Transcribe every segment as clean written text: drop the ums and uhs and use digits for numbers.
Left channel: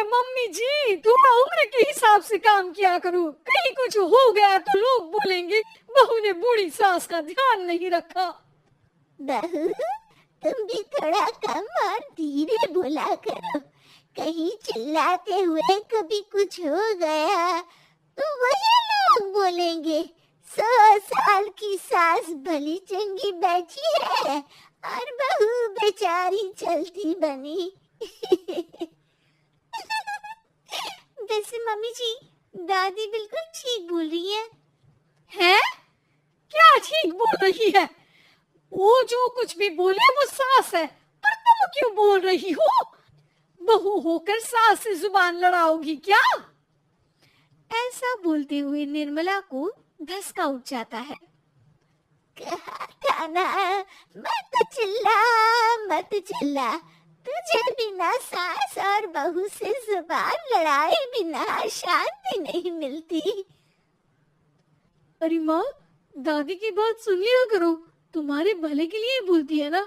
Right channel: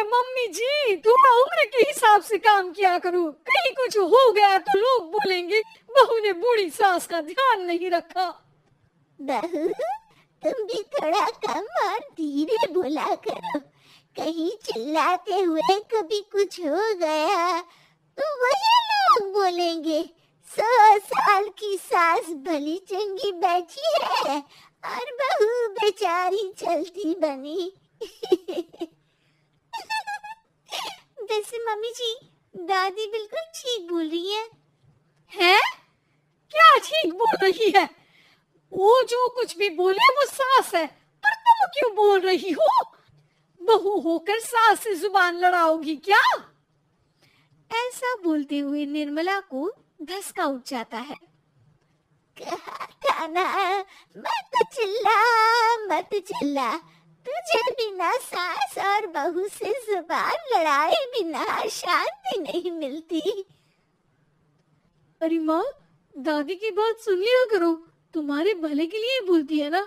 अरे मम्मी जी, थोड़ा उम्र के हिसाब से काम किया करो, कहीं कुछ हो गया तो लोग बोलेंगे बहू ने बूढ़ी सास का ध्यान नहीं रखा। बहू, तुम भी थोड़ा कम और धीरे बोला करो, कहीं चिल्लाते हुए कभी कुछ हो गया तो वही लोग बोलेंगे 100 साल की सास भली चंगी बैठी है और बहू बेचारी चलती बनी। वैसे मम्मी जी, दादी बिल्कुल ठीक बोल रही है। हैं? क्या ठीक बोल रही है? वो जो कुछ भी बोले वो सास है, पर तुम क्यों बोल रही हो? बहू होकर सास से जुबान लड़ाओगी क्या? ऐसा बोलते हुए निर्मला को धसका उठ जाता है। खाना मत चिल्ला, तुझे बिना सास और बहू से जुबान लड़ाए बिना शांति नहीं मिलती। अरे माँ, दादी की बात सुन लिया करो, तुम्हारे भले के लिए बोलती है ना।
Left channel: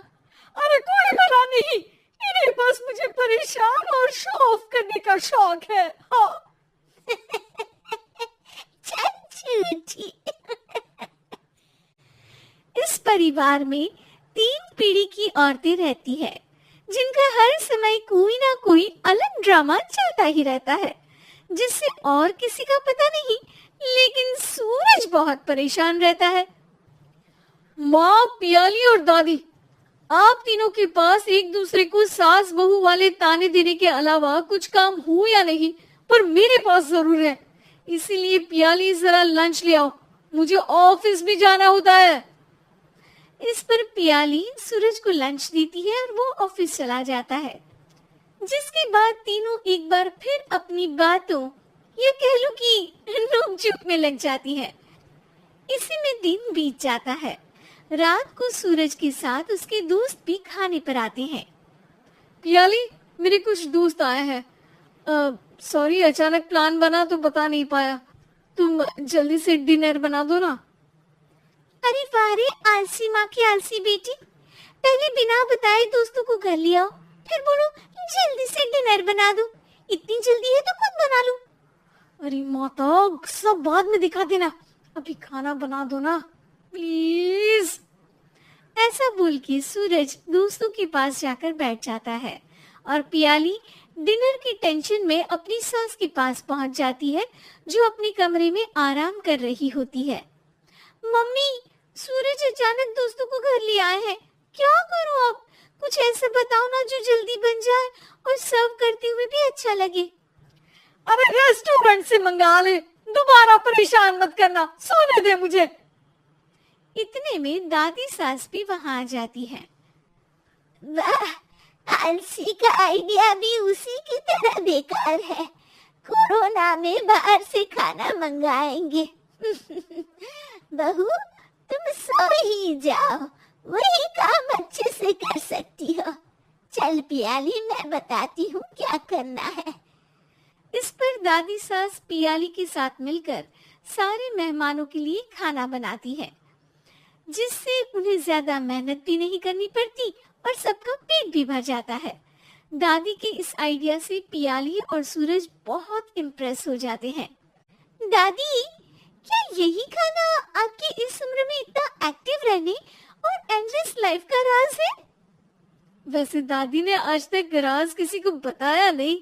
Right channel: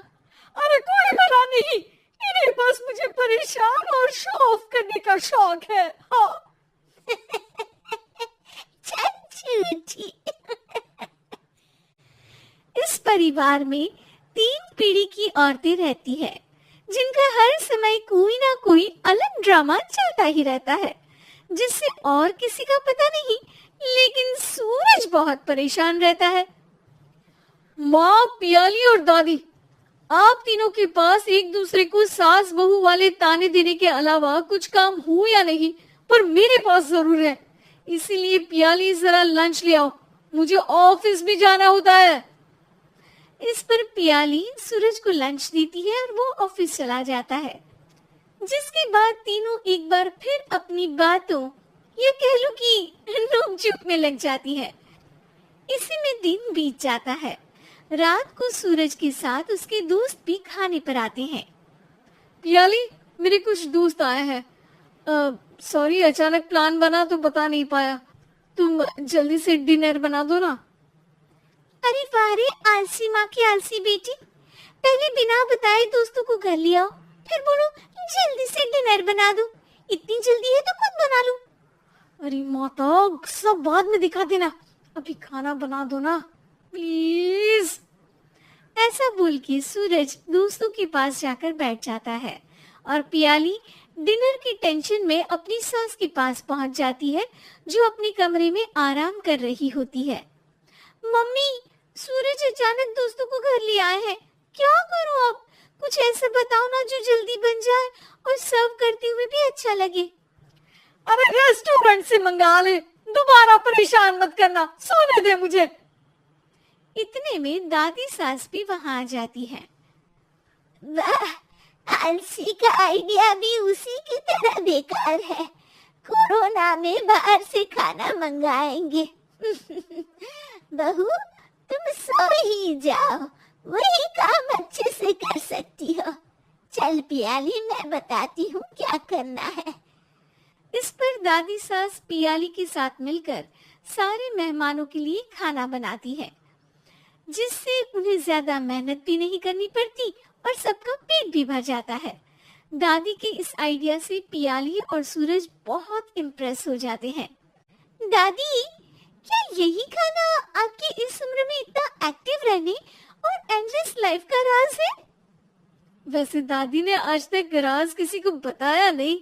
अरे कोई भला नहीं, इन्हें बस मुझे परेशान और शो ऑफ करने का शौक है। हाँ। झूठी। इस परिवार में 3 पीढ़ी की औरतें रहती है, जिनका हर समय कोई ना कोई अलग ड्रामा चलता ही रहता है, जिससे और किसी का पता नहीं, लेकिन सूरज बहुत परेशान रहता है। माँ, पियाली और दादी, आप तीनों के पास एक दूसरे को सास बहू वाले ताने देने के अलावा कुछ काम हो या नहीं, पर मेरे पास जरूर है। इसीलिए पियाली, जरा लंच ले आओ, मुझे ऑफिस भी जाना होता है। इस पर पियाली सूरज को लंच देती है और वो ऑफिस चला जाता है, जिसके बाद तीनों एक बार फिर अपनी बातों या कह लो कि नोक-झोंक में लग जाती है। इसी में दिन बीत जाता है। रात को सूरज के साथ उसके दोस्त भी खाने पर आते हैं। पियाली, मेरे कुछ दोस्त आए हैं। सॉरी, अचानक प्लान बना तो बता नहीं पाया। तुम जल्दी से डिनर बना दो ना। अरे वारे, आलसी माँ की आलसी बेटी, पहले बिना बताए दोस्तों को घर ले आओ, फिर बोलो जल्दी से डिनर बना दो। इतनी जल्दी है तो खुद बना लो। अरे माता, सब बाद में दिखा देना, अभी खाना बना दो ना प्लीज। ऐसा बोल के सूरज दोस्तों के पास जाकर बैठ जाता है और पियाली डिनर की टेंशन में अपनी सास के पास पहुंच जाती है, जो अपने कमरे में आराम कर रही होती है। मम्मी, सूरज अचानक दोस्तों को घर ले आए हैं, क्या करूं अब? कुछ ऐसा बताओ ना जो जल्दी बन जाए और सर्व करते हुए भी अच्छा लगे। अरे रेस्टोरेंट से मंगा ले, दोबारा परेशान मत करना, सोने दे मुझे। इतने में दादी सास भी वहां आ जाती है। वाह, आलसी का आइडिया भी उसी की तरह बेकार है। कोरोना में बाहर से खाना मंगाएंगे। बहू, तुम सो ही जाओ, वही काम अच्छे से कर सकती हो। चल पियाली, मैं बताती हूँ क्या करना है। इस पर दादी सास पियाली के साथ मिलकर सारे मेहमानों के लिए खाना बनाती है, जिससे उन्हें ज्यादा मेहनत भी नहीं करनी पड़ती और सबका पेट भी भर जाता है। दादी के इस आइडिया से पियाली और सूरज बहुत इम्प्रेस हो जाते हैं। दादी, क्या यही खाना आपकी इस उम्र में इतना एक्टिव रहने और एंडलेस लाइफ का राज है? वैसे दादी ने आज तक राज किसी को बताया नहीं।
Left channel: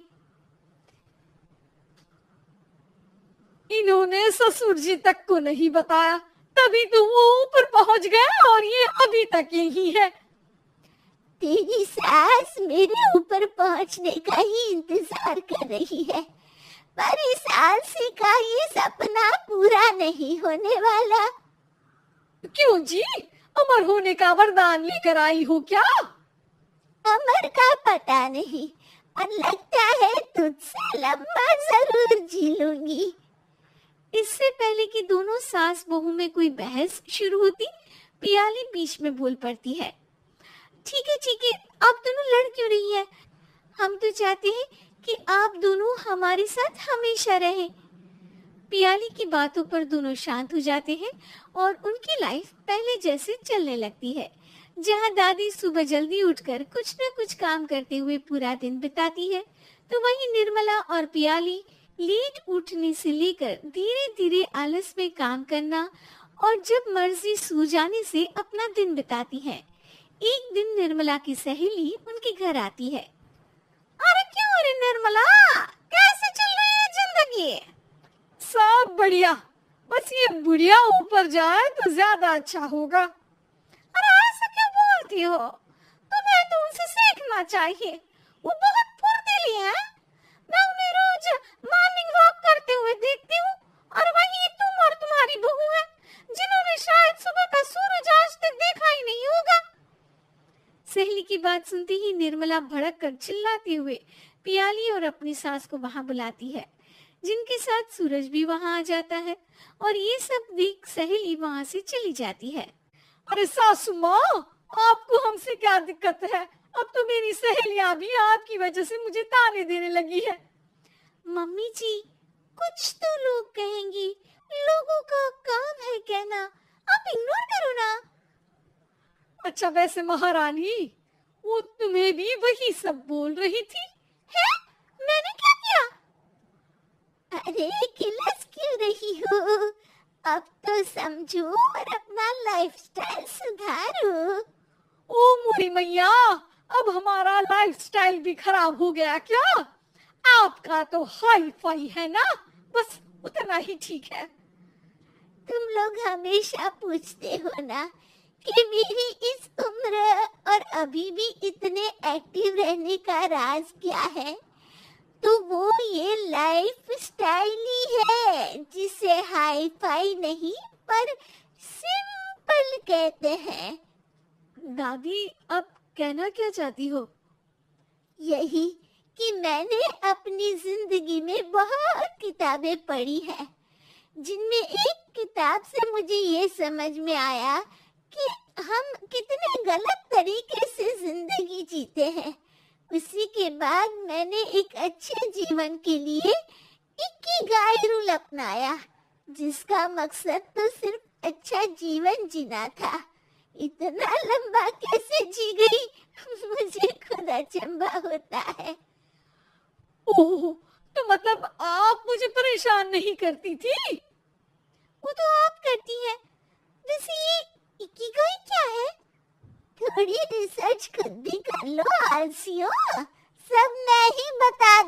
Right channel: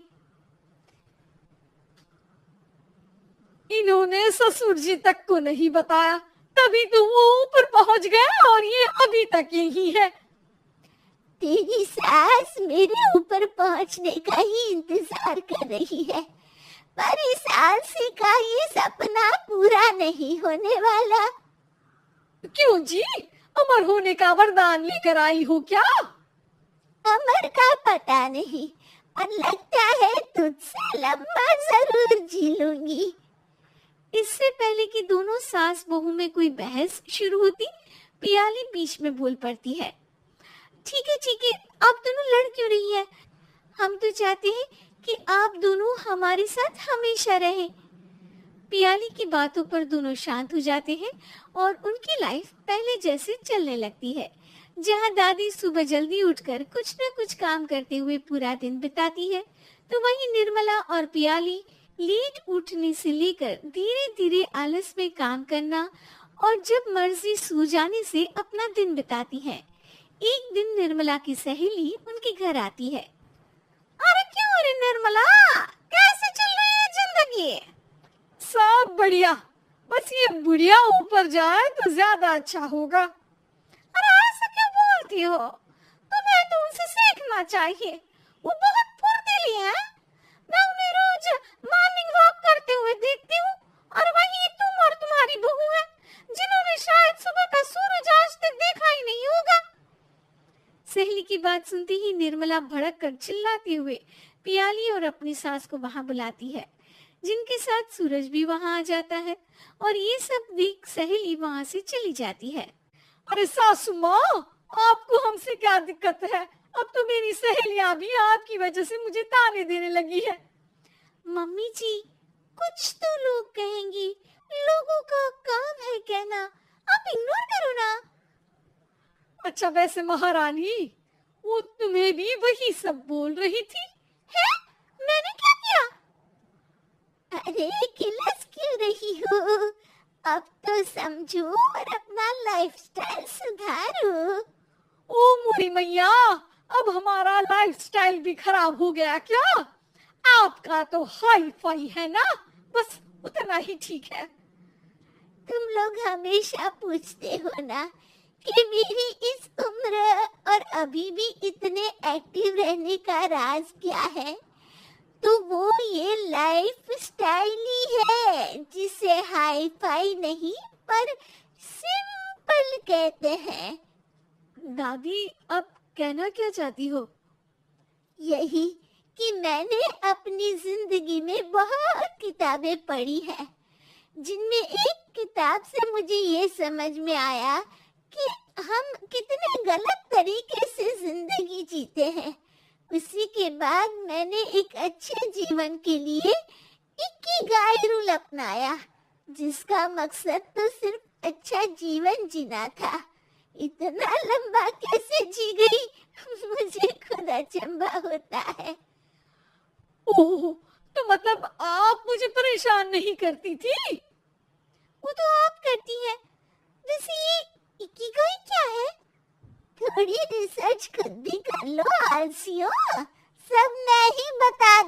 इन्होंने ससुर जी तक को नहीं बताया, तभी तो वो ऊपर पहुंच गया और ये अभी तक यही है। तेरी सास मेरे ऊपर पहुंचने का ही इंतजार कर रही है, पर इस आलसी का ये सपना पूरा नहीं होने वाला। क्यों जी, अमर होने का वरदान लेकर आई हो क्या? अमर का पता नहीं, पर लगता है तुझसे लंबा जरूर जी लूंगी। इससे पहले कि दोनों सास बहू में कोई बहस शुरू होती, पियाली बीच में बोल पड़ती है। ठीक है, आप दोनों लड़ क्यों रही है? हम तो चाहते हैं कि आप दोनों हमारे साथ हमेशा रहें। पियाली की बातों पर दोनों शांत हो जाते हैं और उनकी लाइफ पहले जैसे चलने लगती है, जहां दादी सुबह जल्दी उठकर कुछ न कुछ काम करते हुए पूरा दिन बिताती है, तो वहीं निर्मला और पियाली लेट उठने से लेकर धीरे धीरे आलस में काम करना और जब मर्जी सो जाने से अपना दिन बिताती हैं। एक दिन निर्मला की सहेली उनके घर आती है। अरे क्यों रे निर्मला, कैसे चल रही है जिंदगी? सब बढ़िया, बस ये बुढ़िया ऊपर जाए तो ज्यादा अच्छा होगा। अरे ऐसा क्यों बोलती हो? तुम्हें तो उनसे सीखना चाहिए, वो बहुत फुर्तीली है। मैं उन्हें रोज मॉर्निंग वॉक करते हुए देखती हूँ और वहीं तुम और तुम्हारी बहू है जिन्होंने शायद सुबह का सूरज आज तक देखा ही नहीं होगा। सहेली की बात सुनते ही निर्मला भड़क कर चिल्लाते हुए पियाली और अपनी सास को वहां बुलाती है, जिनके साथ सूरज भी वहां आ जाता है और ये सब देख सहेली वहां से चली जाती है। अरे सासू माँ, आपको हमसे क्या दिक्कत है? अब तो मेरी सहेलियां भी आपकी वजह से मुझे ताने देने लगी है। मम्मी जी, कुछ तो लोग कहेंगे, लोगों का काम है कहना, आप इग्नोर करो ना। अच्छा वैसे महारानी, वो तुम्हें भी वही सब बोल रही थी। है? मैंने क्या किया? अरे किलस क्यों रही हो? अब तो समझो और अपना लाइफस्टाइल सुधारो। ओ मोरी मैया, अब हमारा लाइफस्टाइल भी खराब हो गया क्या? आपका तो हाई फाई है ना, बस उतना ही ठीक है। तुम लोग हमेशा पूछते हो ना कि मेरी इस उम्र और अभी भी इतने एक्टिव रहने का राज क्या है, तो वो ये लाइफ स्टाइल ही है जिसे हाई फाई नहीं पर सिंपल कहते हैं। दादी, अब कहना क्या चाहती हो? यही कि मैंने अपनी जिंदगी में बहुत किताबें पढ़ी हैं, जिनमें एक किताब से मुझे ये समझ में आया कि हम कितने गलत तरीके से जिंदगी जीते हैं। उसी के बाद मैंने एक अच्छे जीवन के लिए इकिगाई रूल अपनाया, जिसका मकसद तो सिर्फ अच्छा जीवन जीना था। इतना लंबा कैसे जी गई मुझे खुद अचंभा होता है। ओह, तो मतलब आप मुझे परेशान नहीं करती थी? वो तो आप करती हैं। वैसे ये इकिगाई क्या है? थोड़ी रिसर्च खुद भी कर लो आलसियों, सब मैं ही बता